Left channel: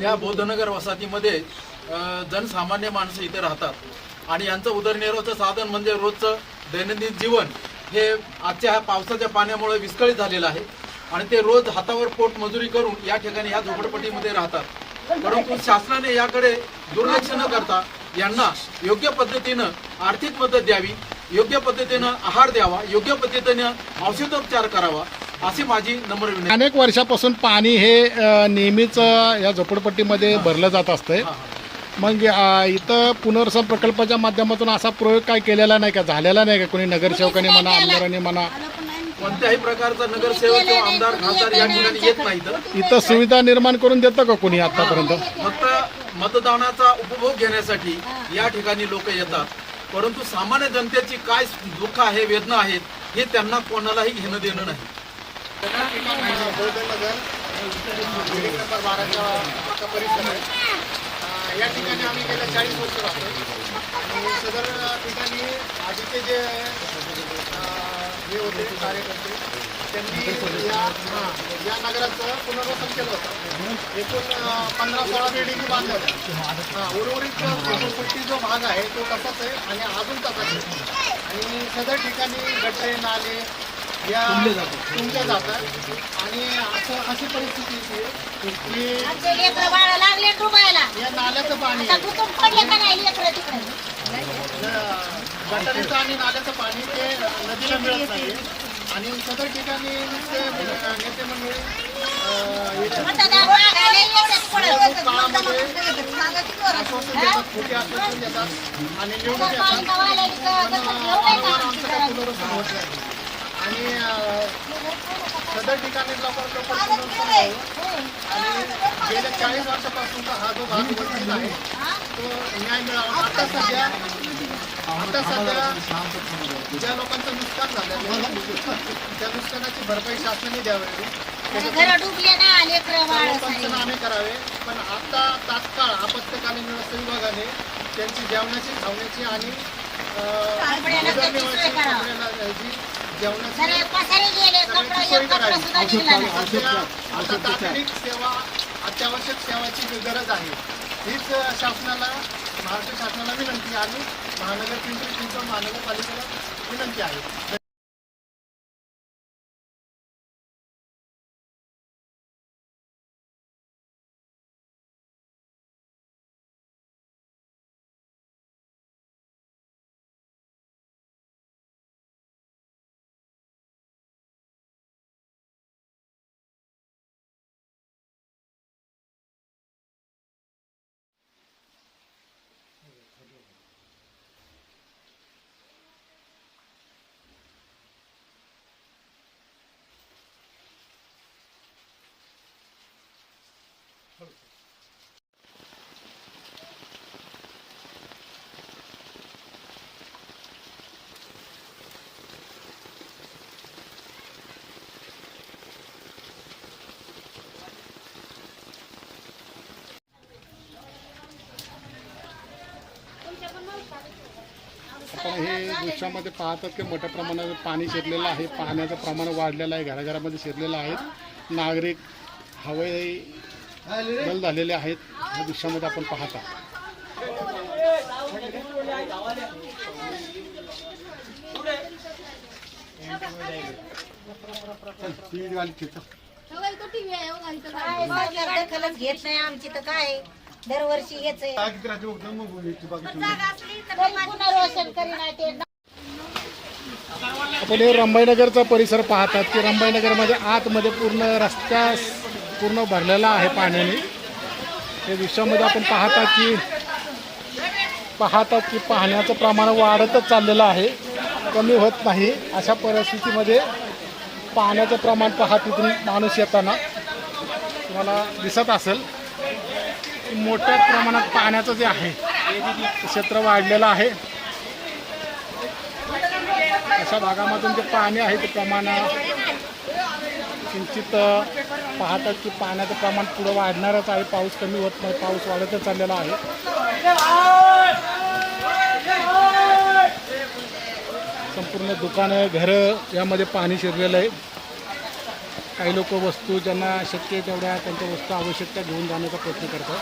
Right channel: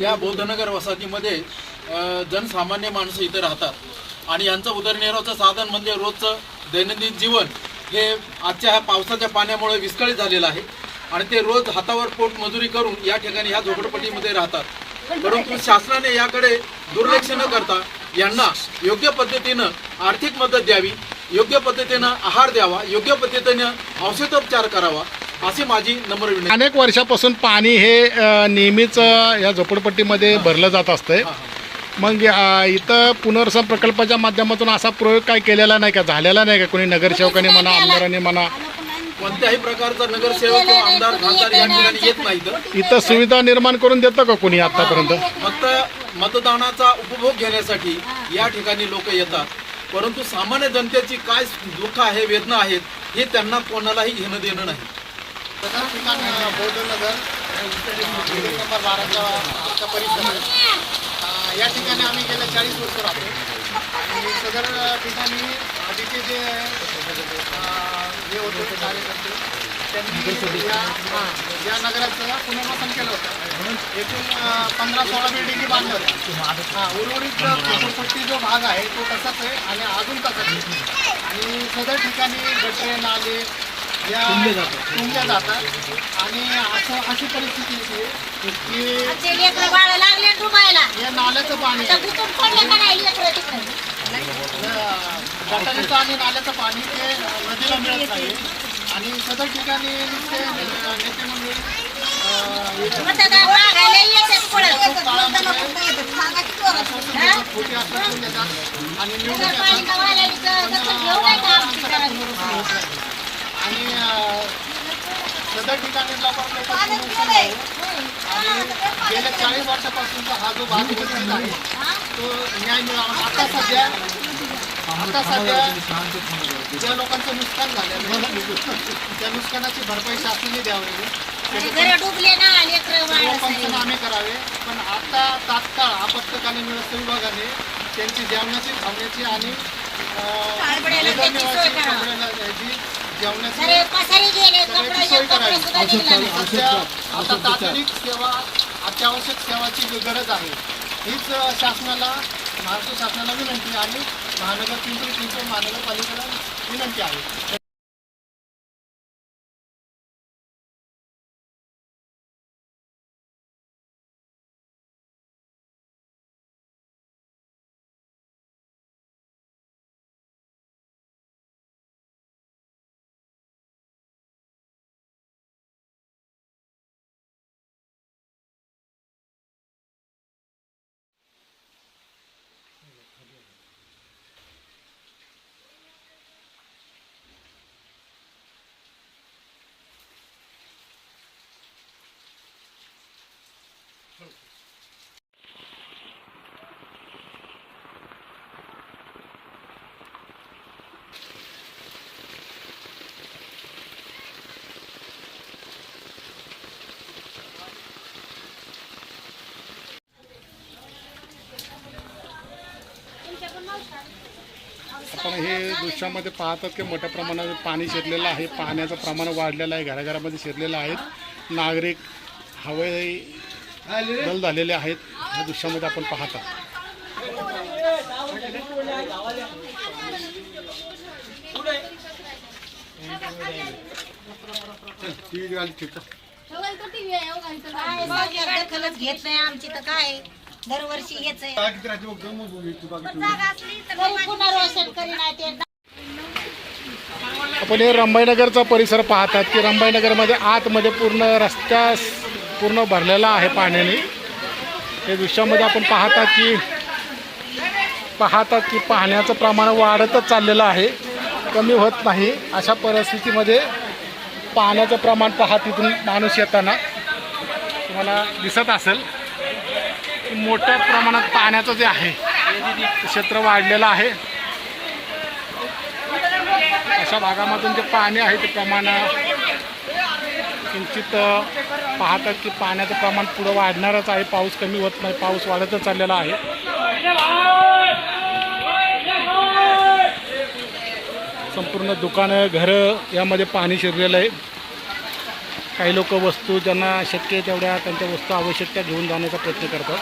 या बौद्धनगर वसाहतीमध्ये जनसामान्य माणसं इथं राहतात. आणि यांचं उदरनिर्वाहाचं साधन म्हणजे रोजचं दैनंदिन जीवन हे आजच्या ह्या पावसाच्या पाण्यामुळे विस्कळीत झालेलं आहे. आणि ते रोज हातावर पोट मजुरी करून या ठिकाणी ह्या झोपडपट्टीमध्ये राहतात. परंतु शासनाने याकडे दुर्लक्ष न करता यांना योग्य पद्धतीनं आर्थिक मदत द्यावी योग्य पद्धतीनं आहार द्यावा योग्य पद्धतीनं औषधोपचार करावा अशी माझी नम्र विनंती. अनेक वर्षापासून पाणी हे नेहमीच या झोपडपट्टीमध्ये भरलं जात असतंय. मग इथं पुनर्वसन प्रकल्पाच्या माध्यमातून असा प्रयोग काय केलेला नाही का? झालेला नाही का? कोणी नगरसेवकांनी म्हणा आमदारांनी म्हणा? कोणत्याही प्रकारचा नगरसेवक किंवा आमदार खासदार या ठिकाणी येत नाहीत इथं सुविधा निर्माण करून देतं का कोणी आतापर्यंत? फक्त मतदानाचा उपभोग घेण्यासाठी या ठिकाणी लोक येतात. परंतु सामान्य जनतेची काय दुःख आहे वेदना आहेत हे त्यांना कोणालाही घेणं देणं नाही. बौद्धनगर नंबर बाराच्या परिसर या ठिकाणी आम्ही गेल्या चाळीस वर्ष राहतो आणि सदर ठिकाणी आधीचे जे हे होते कार्यकर्ते त्यांनी या नगराचं पुनर्वसन केलं होतं एकूण पंधरा सोळा बिल्डिंगी बांधल्या होत्या हा, उर्वरित झोपडपट्टी जो भाग आहे तो तसाच आहे आणि अजून तसाच आहे आणि सदर ठिकाणी गटरे नाले या तुंबल्या जातात आणि असं अशी परिस्थिती येते की आमचे लेकरं बाळं लागले डुबायला या नाल्याचं पाणी आता गुतून पडले का नाही लेकरं तिकडे? गटारीचं आणि नाल्याचं पाणी ते नदीला मिळत नाही. आणि सदर ठिकाणी ते नेते मंडळी अं, येतात. मतदान मागायला येतात पडत. काळामध्ये आश्वासन देतात, खोटी आश्वासन देतात. आणि निवडून जर पाणी येतात गवायला इथं कसं घेऊ काय का आमची आमचं काही पुनर्वसन होत नाही. आणि सदर ठिकाणी. आणि गेल्या चाळीस वर्षापासूनचा हा जो भाग वंचित आहे तो न्याय मिळावा. आता सध्या आता सध्या ज्या लोकांचं नुकसान झालेलं आहे त्या नुकसानाची भरपाई शासनाने द्यावी. पंचनामे करावे. पण आता तात्काळ आपत्कालीन व्यवस्था विभागाने त्यांची जेवणाची खावण्याची आणि जेवणाची सगळ्याची सोय करावी. सध्या आता तांत्रिक सेवा अत्यावश्यक सेवाची गरज आहे हीच शासनाला महाराष्ट्र शासनाला विनंती आहे आणि महानगर पिंपरी चिंचवड महानगरपालिकेला विनंती आहे. आपण हे दृश्यामध्ये पाहतात की मोठ्या प्रमाणात पाणी शिरलेलं आहे. पाण्याचं प्रमाण वाढलेलं आहे. घराघरामध्ये शिरलेलं आहे. नागरिक हवे दल झालेले आहेत. या दृश्यामध्ये आपण पाहता. घेत नाही आमची तर काय दरवर्षी हेच आहे आपण हे रंभाईनगरचा परिसर पाहतात की रंभाईनगरमध्ये आतमध्ये पूर्ण रस्त्या पूर्ण भरलेला आहे पाण्याने. हे दृश्यामध्ये आपण पाहता की पाहतात की पाण्याचं प्रमाण वाढतच चाललेलं आहे. कमी होत नाही. अशा परिस्थितीमध्ये पाण्याचं प्रमाण पहा तिथून माणूस येताना. तुम्हाला दिसत असेल की मोठ्या प्रमाणात पाण्याचं जे आहे ते क्षेत्र वाढलेलं आहे. अशा भागामधून जे पाणी आहे ते प्रमाण किंचित पाहतात की पाण्याचं प्रमाण पुढं वाढणारच आहे. पाऊस कमी होत नाही पाऊस वाढतच चाललेला आहे. संपूर्ण दुकानं घरं यामध्ये पाणी शिरलेलं आहे. काही लोक वस्तू ज्यांना शक्य आहे तेवढ्या त्यांच्या वस्तू आवश्यक त्या घेऊन जाण्याचा प्रयत्न करतात.